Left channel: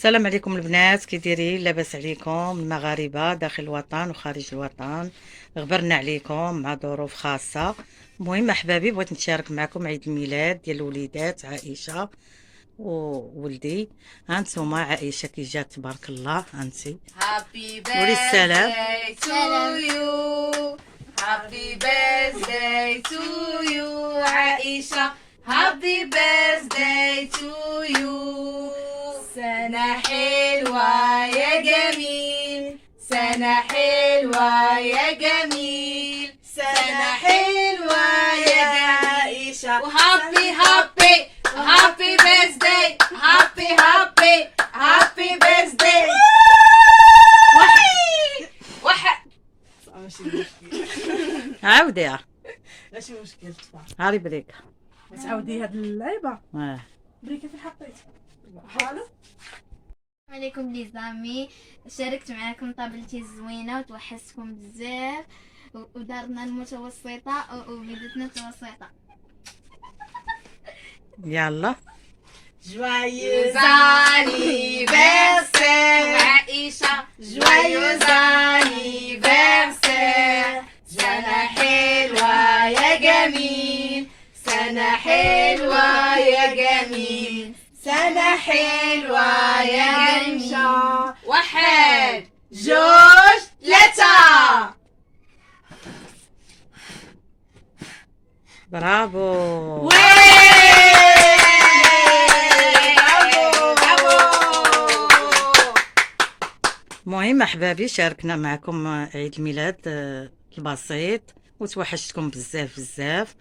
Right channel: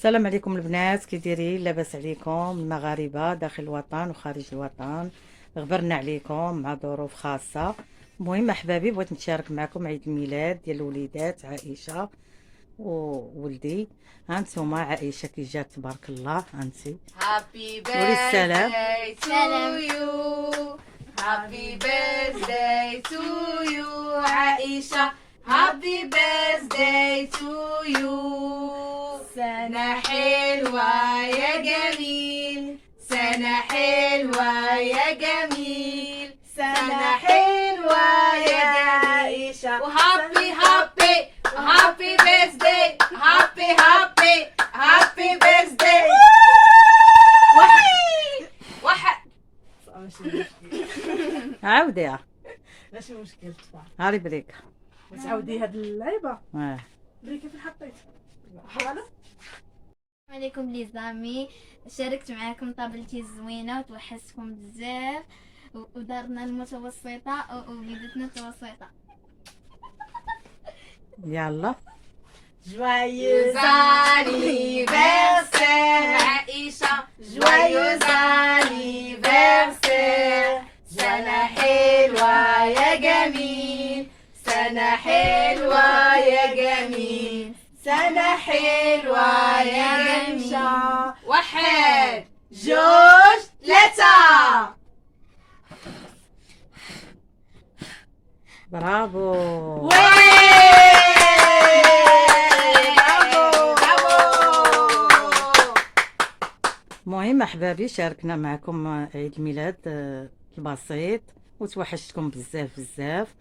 السلام عليكم البنات، كي دايرين؟ لاباس عليكم المغاربه داخل الوطن وخارج الوطن؟ غبرنا عليكم مع ظروف خاصه. المهم احبابي، بغيت نشارك معكم عيد الميلاد ديال الوليدات عائشه وولدي. هانتوما عائشه كي جات تبارك الله، هانتي Happy قولي السلام. birthday to you. Happy birthday to you, Aisha. Happy birthday to you. سنة حلوة يا جميل، سنة حلوة يا جميل، سنة حلوة يا عائشة. وهابي هابي هابي birthday، هابي هابي هابي birthday. واحد ماشي مشكل. عاوديها، ماشي مشكل تطلع. هاري بريك. تعاودي هاد اللعيبه اه بريكه فين حطيت حاله. السلام عليكم لي زامي، شاركت معاكم طابلتي الزوينه وتوحشتكم بزاف ودارنا المتوسطه وبلدتنا متوسطه. يلا Joyeux anniversaire Aïcha, joyeux anniversaire. سنة حلوة يا جميل، سنة حلوة يا جميل، سنة حلوة يا جميل. واحد جوج ثلاثة. برافو. المهم احبابي، شاركنا معكم عيد الميلاد البسيط وتوحشتكم بزاف بزاف.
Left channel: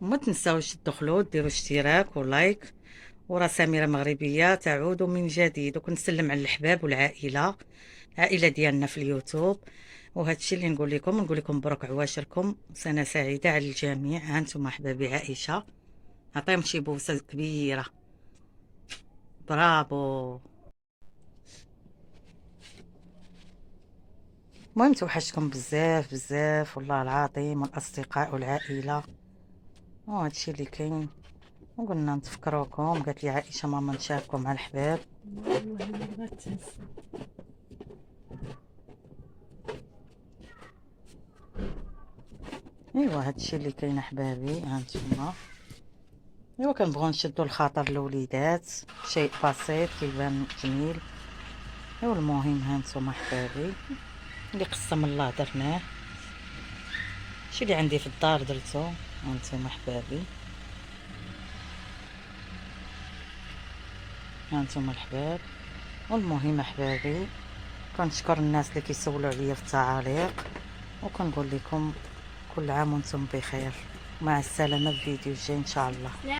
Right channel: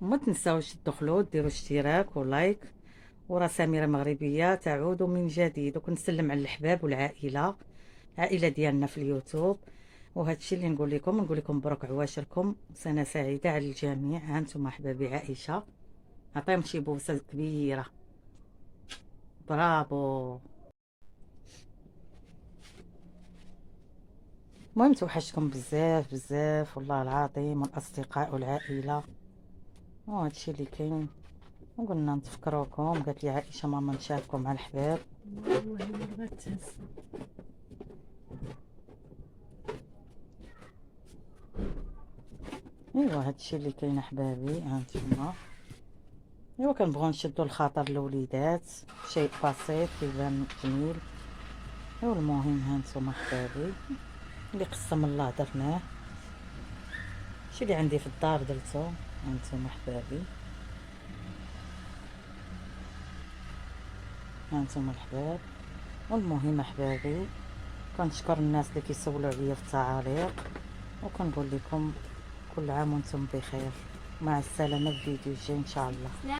وما تنساوش تدخلوا ديروا اشتراك ولايك، ورا سميرة مغربية تعود من جديد. وكنسلم على الحباب والعائلة، العائلة ديالنا في اليوتيوب. وهذا الشيء اللي نقول لكم مبروك عواشركم، سنة سعيدة على الجميع. هانتم احبابي عائشة، عطيهم شي بوسة كبيرة. برافو. المهم توحشتكم بزاف بزاف والله العظيم، والاصدقاء والعائله وهذا الشيء اللي كاين. وقلنا نتفكروكم، قالت لي عائشه ماما نشاركوا مع الحباب. والله اللي بغات تهز. ايوا هذا الشيء اللي كاين احبابي. هانتوما ايوا كنبغيو نشدوا الخاطر الوليدات، شيء بسيط كيبان جميل. ايوا المهم هانتوما احبابي، اللي قسم الله درناه، الشيء اللي عندي في الدار درتو. هانتوما احبابي، هانتوما الحباب. والمهم احبابي، كنشكر الناس اللي كيسولوا عليا في التعاليق، وكنقول لكم كل عام وانتم بخير. مع السلامه، في فيديو جاي ان شاء الله.